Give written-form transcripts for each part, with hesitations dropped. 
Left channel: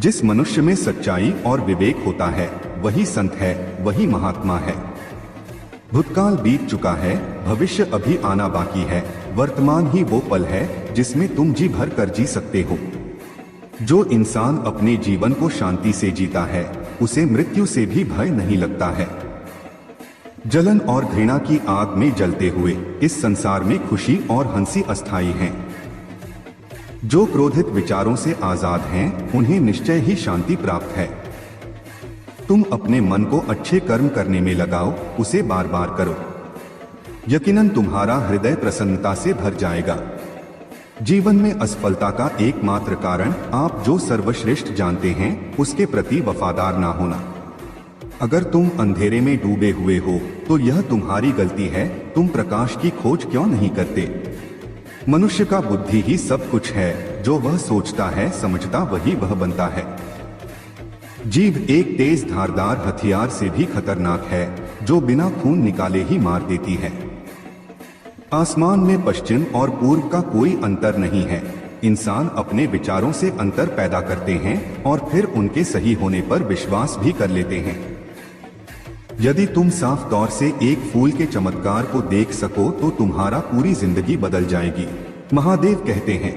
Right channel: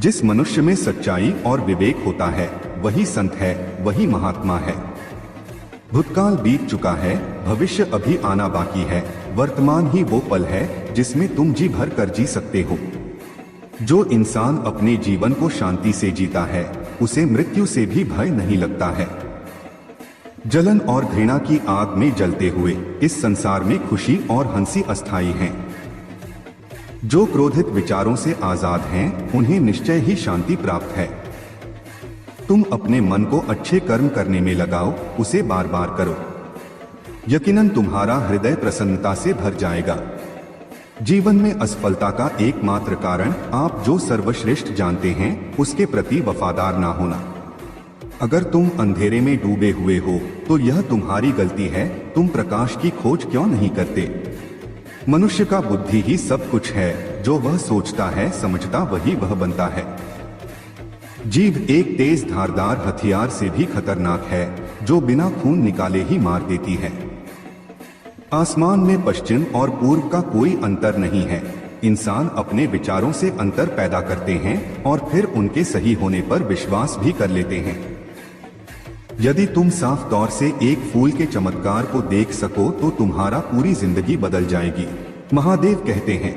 जिस मनुष्य में सच्चाई और विवेक होता है वही संत है, वही महात्मा है। भूतकाल बीत चुका है, भविष्य अभी आना बाकी है। वर्तमान ही वो पल है जिसमें तुम जी भर कर जी सकते हो। जो इंसान अपने जीवन को शांति से जीता है उसे मृत्यु से भी भय नहीं लगता है। जलन और घृणा की आग में जलते हुए इस संसार में खुशी और हंसी अस्थायी हैं। जो क्रोधित विचारों से आजाद हैं, उन्हें निश्चय ही शांति प्राप्त है। तुम अपने मन को अच्छे कर्म करने में लगाओ, उसे बार बार करो। यकीनन तुम्हारा हृदय प्रसन्नता से भर जाएगा। जीवन में असफलता का एकमात्र कारण आप जो सर्वश्रेष्ठ जानते हैं उसके प्रति वफादार ना होना। अगर तुम अंधेरे में डूबे हुए हो तो यह तुम्हारी गलती है। तुम प्रकाश की खोज क्यों नहीं करते? मनुष्य का बुद्धि ही सब कुछ है। जो वह सोचता है समझता वही वह बनता है। जीभ एक तेज धारदार हथियार से भी खतरनाक है, जो बिना खून निकाले ही मार देती है। आसमान में पश्चिम और पूर्व का कोई अंतर नहीं है। इंसान अपने विचारों से अंतर पैदा करते हैं और फिर उनके सही होने पर विश्वास भी कर लेते हैं। यदि तुम साफ तौर से एक फूल के चमत्कार को देख सको तो तुम्हारा पूरी जिंदगी बदल जाएगी। महादेव कहते हैं,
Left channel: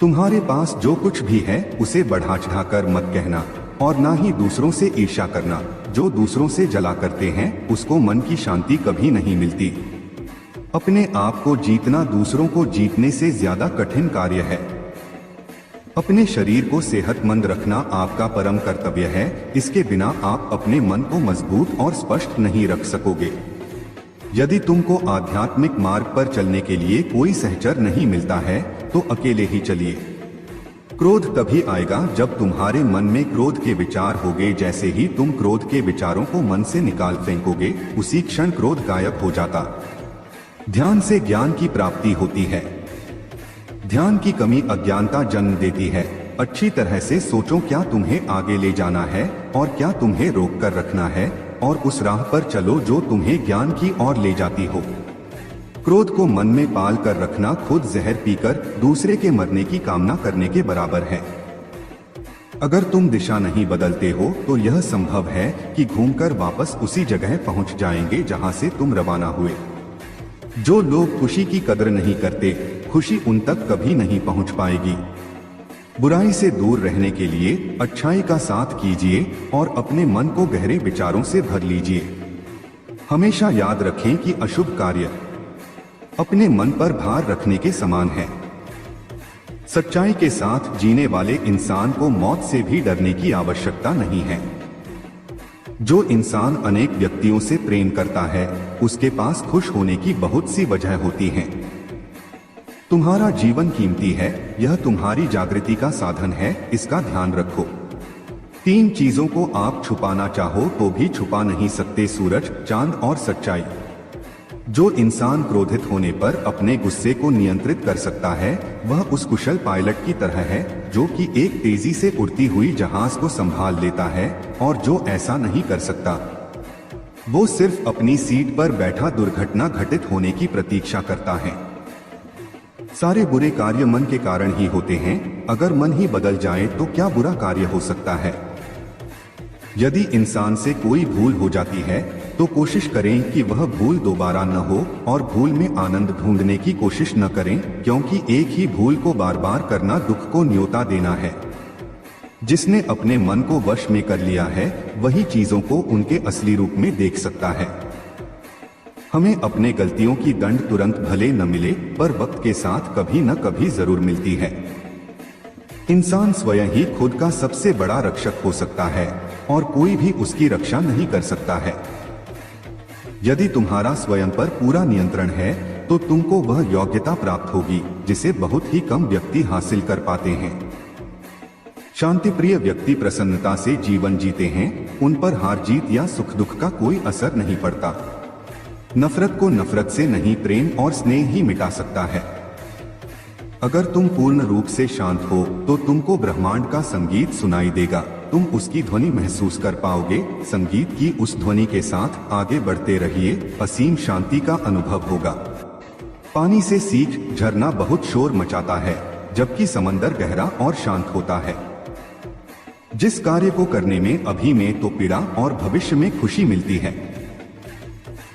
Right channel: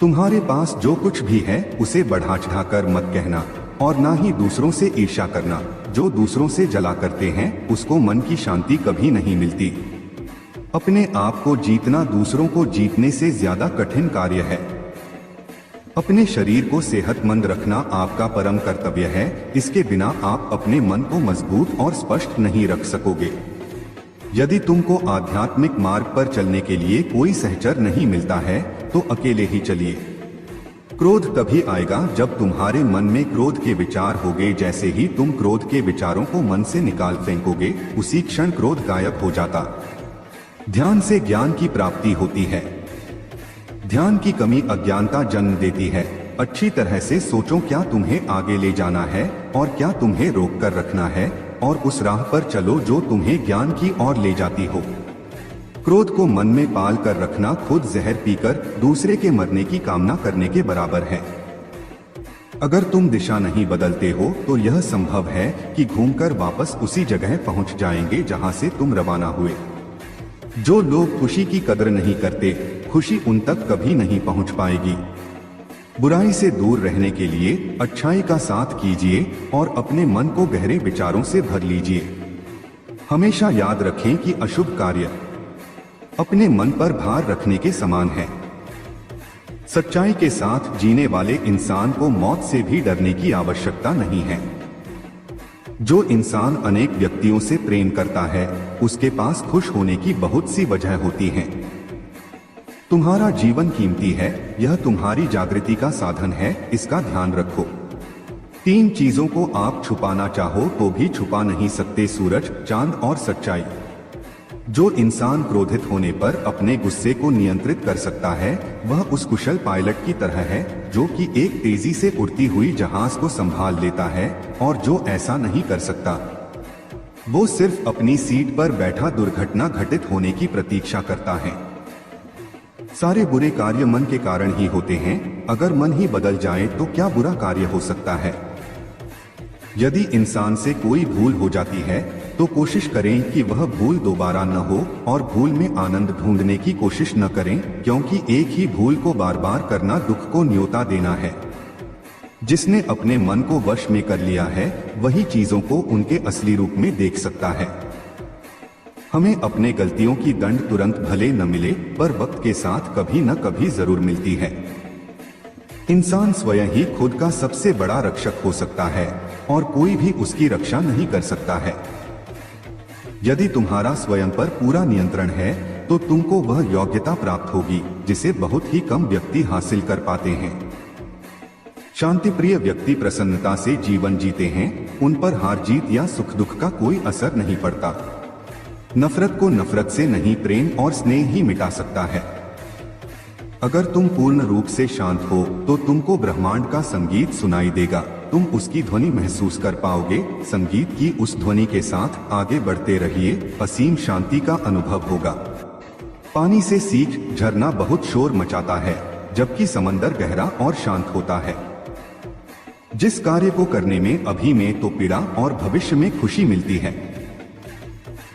तुम्हारे पास जो कुछ भी है उसे बढ़ा चढ़ाकर मत कहना और ना ही दूसरों से ईर्ष्या करना। जो दूसरों से जला करते हैं उसको मन की शांति कभी नहीं मिलती। अपने आप को जीतना दूसरों को जीतने से ज्यादा कठिन कार्य है। अपने शरीर को सेहतमंद रखना आपका परम कर्तव्य है। इसके बिना आप अपने मन को मजबूत और स्पष्ट नहीं रख सकोगे। यदि तुमको आध्यात्मिक मार्ग पर चलने के लिए कोई सहचर नहीं मिलता है तो अकेले ही चलिए। क्रोध तभी आएगा जब तुम्हारे मन में क्रोध के विचार होंगे। जैसे ही तुम क्रोध के विचारों को मन से निकाल फेंकोगे उसी क्षण क्रोध गायब हो जाता। ध्यान से ज्ञान की प्राप्ति होती है। ध्यान की कमी अज्ञानता जन्म देती है। अच्छी तरह से सोचो, क्या तुम्हें आगे ले जाना है और क्या तुम्हें रोक कर रखना है, और उस राह पर चलो जो तुम्हें ज्ञान की ओर ले जाती हो। क्रोध को मन में पाल कर रखना खुद जहर पीकर दूसरे के मरने की कामना करने के बराबर है। अगर तुम दिशा नहीं बदलते हो तो यह संभव है कि घूमकर वापस उसी जगह पहुंच जाएंगे जहां से तुम रवाना हुए। जो लोग खुशी की कदर नहीं करते, खुशी उन तक कभी नहीं पहुंच पाएगी। बुराई से दूर रहने के लिए अच्छाई का साथ कीजिए और अपने मन को गहरे विचारों से भर लीजिए। हमेशा याद रखें कि अशुभ कार्य अपने मन पर भार रखने के समान है। सच्चाई के साथ जीने वाले इंसान को मौत से भी डरने की आवश्यकता नहीं है। जो इंसान अनेक व्यक्तियों से प्रेम करता है उसके पास खुश होने की बहुत सी वजह होती है। तुम्हारा जीवन कीमती है, यह तुम्हारी जागृति का साधन है, इसका ध्यान रखो। 3 चीजों को आप छुपाना चाहो तो भी छुपा नहीं सकते, सूरज, चांद और सच्चाई। जो इंसान क्रोधित होने पर अपने गुस्से को नियंत्रित कर सकता है वह उस कुशल पायलट की तरह है जो कि एक तेजी से उड़ती हुई जहाज को संभाल लेता है, और जो ऐसा नहीं कर सकता वो सिर्फ अपनी सीट पर बैठा दुर्घटना घटित होने की प्रतीक्षा करता है। सारे बुरे कार्य मन के कारण ही होते हैं। अगर मन ही बदल जाए तो क्या बुरा कार्य हो सकता है? यदि इंसान से कोई भूल हो जाती है तो कोशिश करें कि वह भूल दोबारा न हो, और भूल में आनंद ढूंढने की कोशिश न करें, क्योंकि एक ही भूल को बार बार करना दुख को न्योता देना है। जिसने अपने मन को वश में कर लिया है वही चीजों को उनके असली रूप में देख सकता है। हमें अपने गलतियों की दंड तुरंत भले न मिले पर वक्त के साथ कभी न कभी जरूर मिलती है। इंसान स्वयं ही खुद का सबसे बड़ा रक्षक हो सकता है और कोई भी उसकी रक्षा नहीं कर सकता है। यदि तुम्हारा स्वयं पर पूरा नियंत्रण है तो तुमको वह योग्यता प्राप्त होगी जिसे बहुत ही कम व्यक्ति हासिल कर पाते हैं। शांति प्रिय व्यक्ति प्रसन्नता से जीवन जीते हैं। उन पर हार जीत या सुख दुख का कोई असर नहीं पड़ता। नफरत को नफरत से नहीं, प्रेम और स्नेह ही मिटा सकता है। अगर तुम पूर्ण रूप से शांत हो तो तुमको ब्रह्मांड का संगीत सुनाई देगा। तुम उसकी ध्वनि महसूस कर पाओगे। संगीत की उस ध्वनि के साथ आगे बढ़ते रहिए, असीम शांति का अनुभव होगा। पानी से सींच झरना बहुत शोर मचाता है, जबकि समंदर गहरा और शांत होता है। जिस कार्य को करने में अभी में तो पीड़ा और भविष्य में खुशी मिलती है,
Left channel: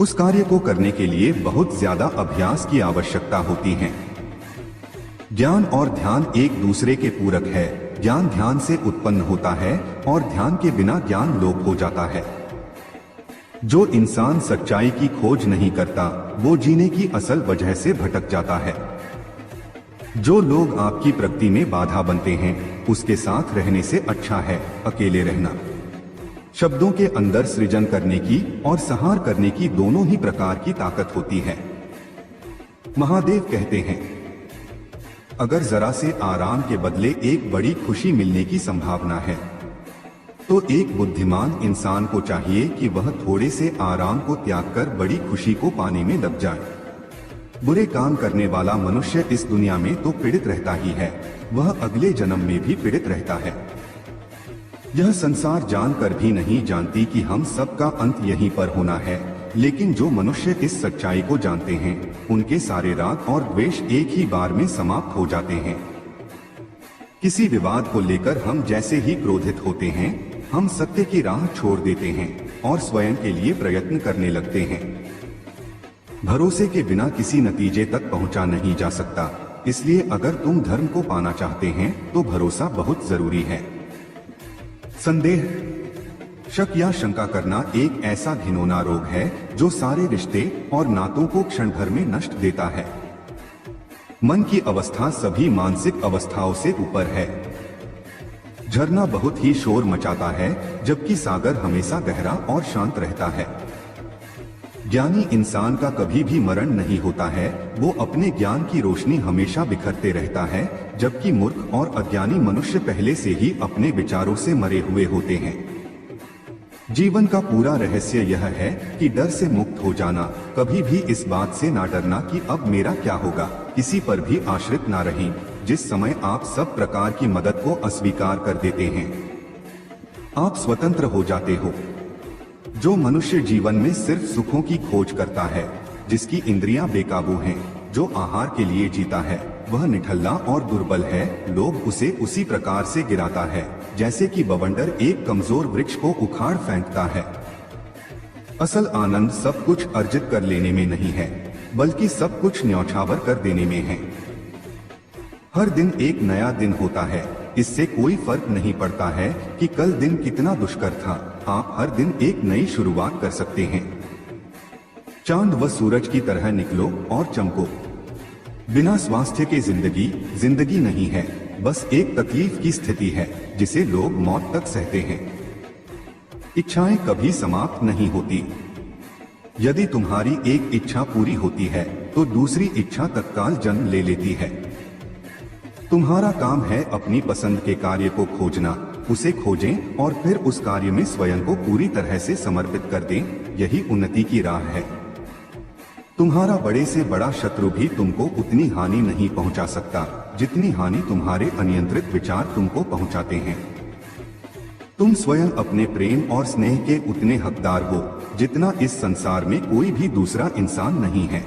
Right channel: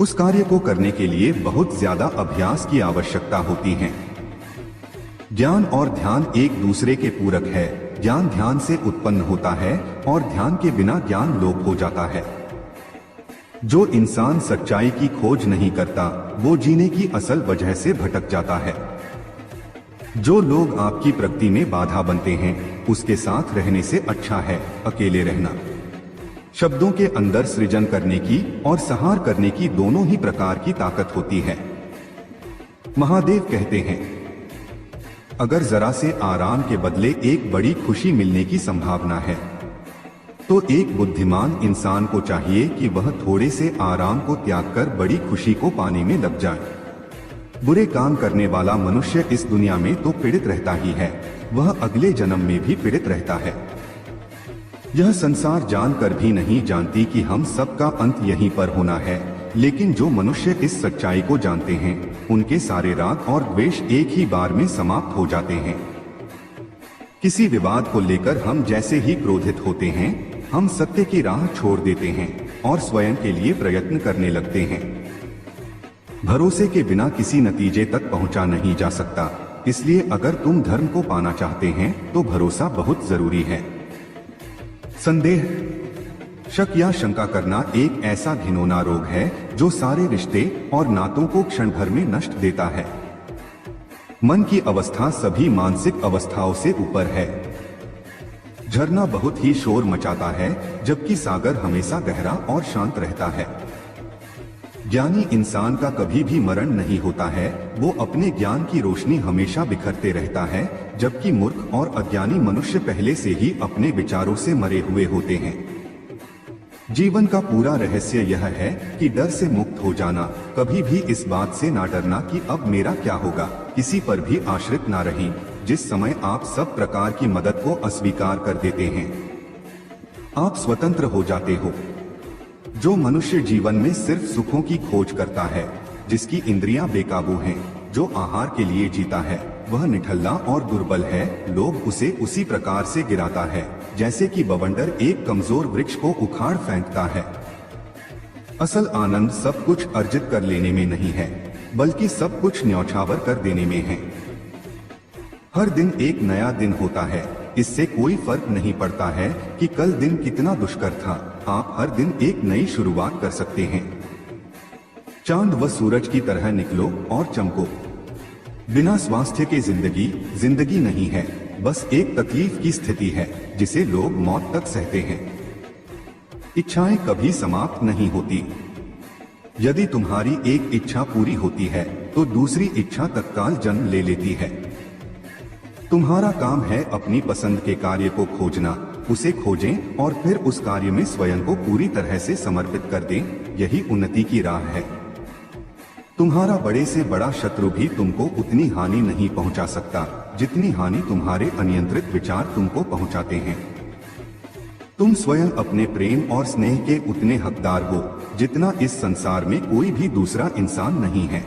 उस कार्य को करने के लिए बहुत ज्यादा अभ्यास की आवश्यकता होती है। ज्ञान और ध्यान एक दूसरे के पूरक है। ज्ञान ध्यान से उत्पन्न होता है और ध्यान के बिना ज्ञान लोप हो जाता है। जो इंसान सच्चाई की खोज नहीं करता, वो जीने की असल वजह से भटक जाता है। जो लोग आपकी प्रगति में बाधा बनते हैं, उसके साथ रहने से अच्छा है अकेले रहना। शब्दों के अंदर सृजन करने की और संहार करने की दोनों ही प्रकार की ताकत होती है। महादेव कहते हैं, अगर जरा से आराम के बदले एक बड़ी खुशी मिलने की संभावना है, तो एक बुद्धिमान इंसान को चाहिए कि वह थोड़े से आराम को त्याग कर बड़ी खुशी को पाने में लग जाए। बुरे काम करने वाला मनुष्य इस दुनिया में तो पीड़ित रहता ही है, वह अगले जन्म में भी पीड़ित रहता है। यह संसार जानकर भी नहीं जानती कि हम सबका अंत यहीं पर होना है, लेकिन जो मनुष्य इस सच्चाई को जानते हैं, उनके सारे राग और द्वेष एक ही बार में समाप्त हो जाते हैं। किसी विवाद को लेकर हम जैसे ही क्रोधित होते हैं, हम सत्य की राह छोड़ देते हैं और स्वयं के लिए प्रयत्न करने लगते हैं। भरोसे के बिना किसी नतीजे तक पहुंचा नहीं जा सकता, इसलिए अगर तुम धर्म को पाना चाहते हैं तो भरोसा बहुत जरूरी है। संदेह, शक या शंका करना एक ऐसा घिनौना रोग है जो सारे रिश्ते और नातों को क्षण भर में नष्ट देता है। मन की अवस्था सभी मानसिक अवस्थाओं से ऊपर है। झरना बहुत ही शोर मचाता है, जबकि सागर हमेशा गहरा और शांत रहता है। ज्ञानी इंसान का कभी भी मरण नहीं होता है, वो अपने ज्ञान की रोशनी हमेशा बिखरते रहता है, जबकि मूर्ख और अज्ञानी मनुष्य पहले से ही अपने विचारों से मरे हुए होते हैं। जीवन का पूरा रहस्य यह है कि डर से मुक्त हो जाना। कभी भी इस बात से ना डरना कि अब मेरा क्या होगा, किसी पर भी आश्रित ना रहें। जिस समय आप सब प्रकार की मदद को अस्वीकार कर देते हैं, आप स्वतंत्र हो जाते हो। जो मनुष्य जीवन में सिर्फ सुखों की खोज करता है, जिसकी इंद्रियां बेकाबू हैं, जो आहार के लिए जीता है, वह निठल्ला और दुर्बल है। लोग उसे उसी प्रकार से गिराता है जैसे कि बवंडर एक कमजोर वृक्ष को उखाड़ फेंकता है। असल आनंद सब कुछ अर्जित कर लेने में नहीं है, बल्कि सब कुछ न्यौछावर कर देने में है। हर दिन एक नया दिन होता है, इससे कोई फर्क नहीं पड़ता है कि कल दिन कितना दुष्कर था। आप हर दिन एक नई शुरुआत कर सकते हैं। चांद व सूरज की तरह निकलो और चमको। बिना स्वास्थ्य के जिंदगी नहीं है, बस एक तकलीफ की स्थिति है जिसे लोग मौत तक सहते हैं। इच्छाएं कभी समाप्त नहीं होती। यदि तुम्हारी एक इच्छा पूरी होती है तो दूसरी इच्छा तत्काल जन्म ले लेती है। तुम्हारा काम है अपनी पसंद के कार्य को खोजना, उसे खोजें और फिर उस कार्य में स्वयं को पूरी तरह से समर्पित कर दें। यही उन्नति की राह है। तुम्हारा बड़े से बड़ा शत्रु भी तुमको उतनी हानि नहीं पहुंचा सकता जितनी हानि तुम्हारे अनियंत्रित विचार तुमको पहुंचाते हैं। तुम स्वयं अपने प्रेम और स्नेह के उतने हकदार हो जितना इस संसार में कोई भी दूसरा इंसान नहीं है।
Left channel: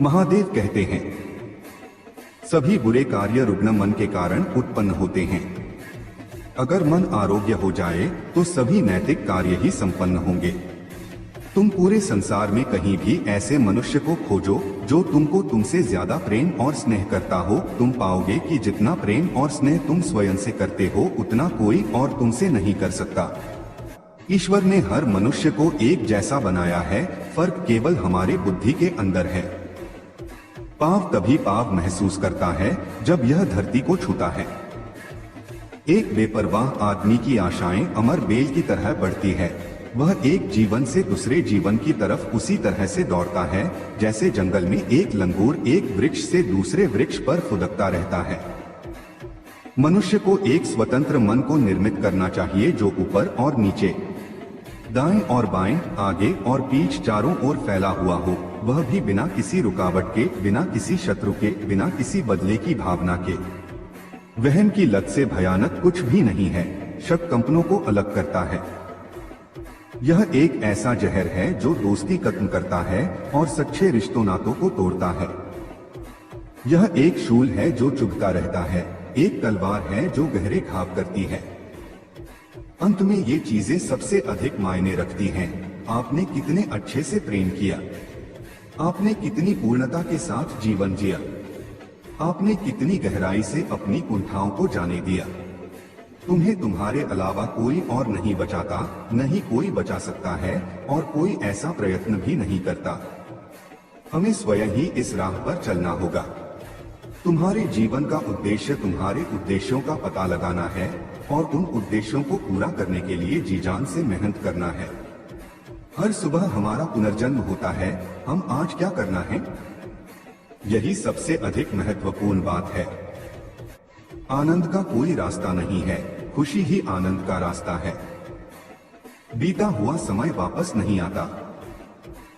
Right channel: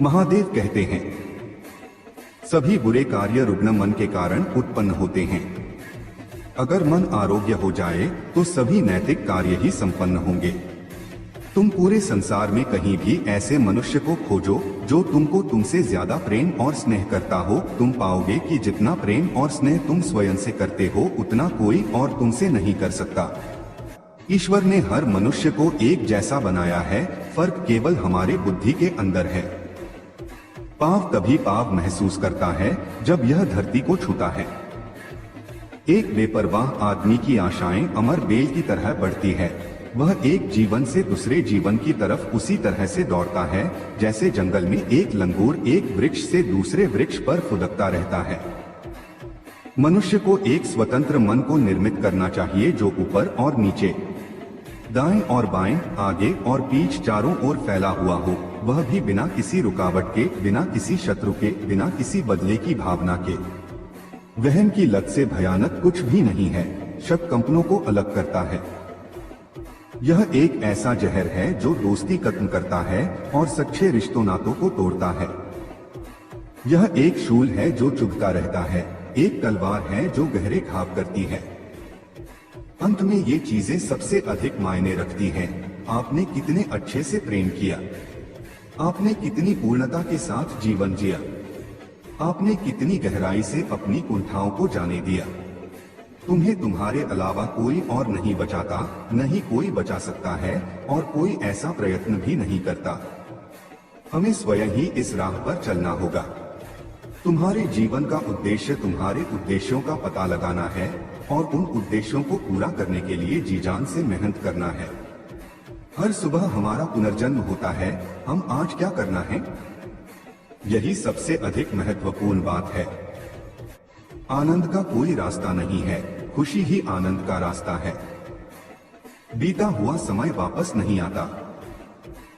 महादेव कहते हैं, सभी बुरे कार्य रुग्ण मन के कारण उत्पन्न होते हैं। अगर मन आरोग्य हो जाए तो सभी नैतिक कार्य ही संपन्न होंगे। तुम पूरे संसार में कहीं भी ऐसे मनुष्य को खोजो जो तुमको तुमसे ज्यादा प्रेम और स्नेह करता हो। तुम पाओगे कि जितना प्रेम और स्नेह तुम स्वयं से करते हो, उतना कोई और तुमसे नहीं कर सकता। ईश्वर ने हर मनुष्य को एक जैसा बनाया है, फर्क केवल हमारे बुद्धि के अंदर है। पाव तभी पाव महसूस करता है जब यह धरती को छूता है। एक बेपरवाह आदमी की आशाएं अमर बेल की तरह बढ़ती है। वह एक जीवन से दूसरे जीवन की तरफ उसी तरह से दौड़ता है जैसे जंगल में एक लंगूर एक वृक्ष से दूसरे वृक्ष पर फुदकता रहता है। मनुष्य को एक स्वतंत्र मन को निर्मित करना चाहिए जो ऊपर और नीचे, दाएं और बाएं, आगे और पीछ चारों ओर फैला हुआ हो। वह भी बिना किसी रुकावट के, बिना किसी शत्रु के, बिना किसी बदले की भावना के। वहम की लत से भयानक कुछ भी नहीं है। शक कंपनों को अलग करता है। यह एक ऐसा जहर है जो दोस्ती खत्म करता है और सच्चे रिश्तों नातों को तोड़ता है। यह एक शूल है जो चुभता रहता है, एक तलवार है जो गहरी घाव करती है। अंत में ये चीजें सबसे अधिक मायने रखती हैं। आपने कितने अच्छे से प्रेम किया, आपने कितनी पूर्णता के साथ जीवन जिया, आपने कितनी गहराई से अपनी कुंठाओं को जाने दिया। तुम्हें तुम्हारे अलावा कोई और नहीं बचाता, नहीं कोई बचा सकता है और कोई ऐसा प्रयत्न भी नहीं करता। हमें स्वयं ही इस राह पर चलना होगा। तुम्हारे जीवन का उद्देश्य तुम्हारे उद्देश्यों का पता लगाना है और उन उद्देश्यों को पूरा करने के लिए जी जान से मेहनत करना है। हर सुबह हमारा पुनर्जन्म होता है, हम आज क्या करना है, यही सबसे अधिक महत्वपूर्ण बात है। आनंद का कोई रास्ता नहीं है, खुशी ही आनंद का रास्ता है। बीता हुआ समय वापस नहीं आता।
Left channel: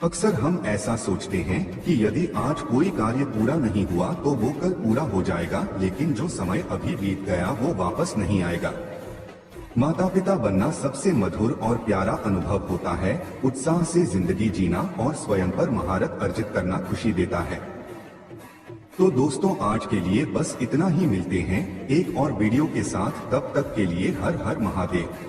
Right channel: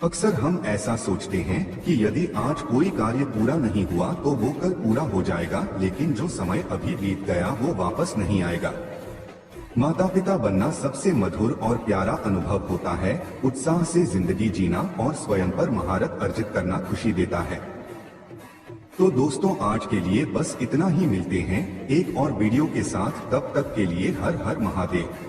अक्सर हम ऐसा सोचते हैं कि यदि आज कोई कार्य पूरा नहीं हुआ तो वो कल पूरा हो जाएगा, लेकिन जो समय अभी बीत गया वो वापस नहीं आएगा। माता पिता बनना सबसे मधुर और प्यारा अनुभव होता है। उत्साह से जिंदगी जीना और स्वयं पर महारत अर्जित करना खुशी देता है। तो दोस्तों, आज के लिए बस इतना ही। मिलते हैं एक और वीडियो के साथ, तब तक के लिए हर हर महादेव।